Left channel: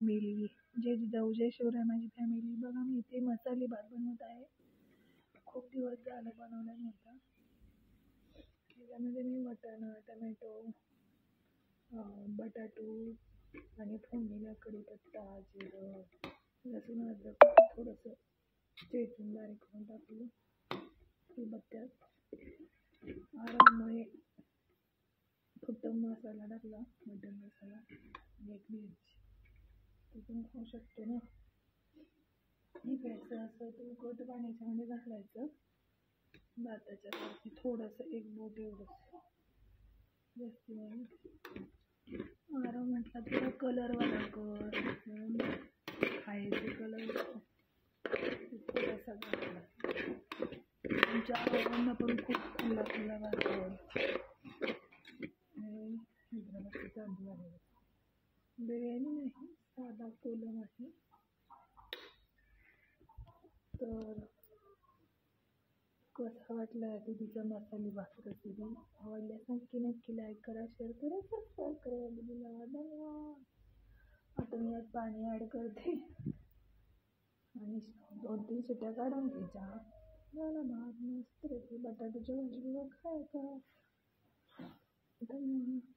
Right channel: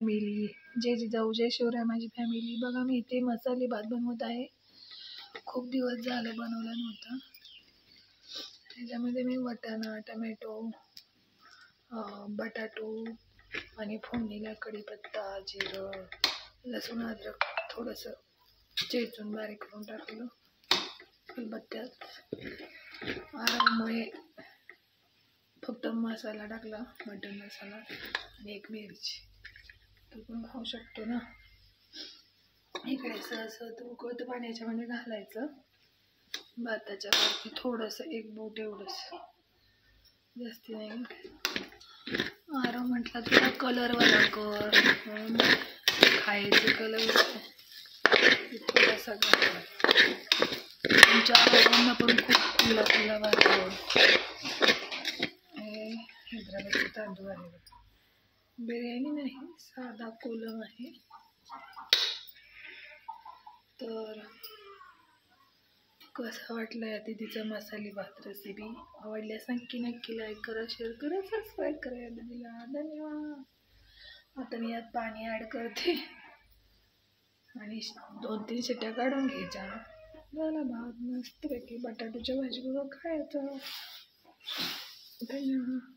Family, जय जिजाऊ जय शिवराय माझी family. बघा मी इथे मसाले भात बनवत आहे. खूप दिवस झालं बनवलं नव्हतं. त्याच्यामध्ये मी वाटाणा, टमॅटो, बटाटो आणि फोडणीला कढीपत्ता, जिरं, लसूण, अद्रक थोडंसं चेचून बारीक करून टाकलं. खलबत्त्यात आराममुळे फक्त मसाला टाकला, मटन मसाला आणि एक मिरची. तू पण खाऊ शकतो ना. इकडे सहसं तू उकळतं पाण्याच्यामध्ये घालायचं. भाताच्या वरती थोडंसं एक बोट एवढंच, जास्ती नाही. आरव म्हटलं तुला कलरवाला कर म्हणून खायचे कलर थोडासा घातला. तुमच्या आरोग्यांना पण खूप खुला खुला वाटतो. हे हैदराबादचे तांदूळ आहे. बिर्याणी नाही, साधा कोलम आहे. तर कसा वाटला या दीदीचा मसाले भात रेसिपी? आवडल्यास नक्की लाईक करा, शेअर करा, सबस्क्राईब करा या दीदीला. धन्यवाद. आता मी यात पाणी ॲड करते आणि 2-3 शिट्ट्या काढून घ्यायच्या. झाला भात मस्तपैकी बटाट्याच्या भाजीबरोबर खायचा. धन्यवाद.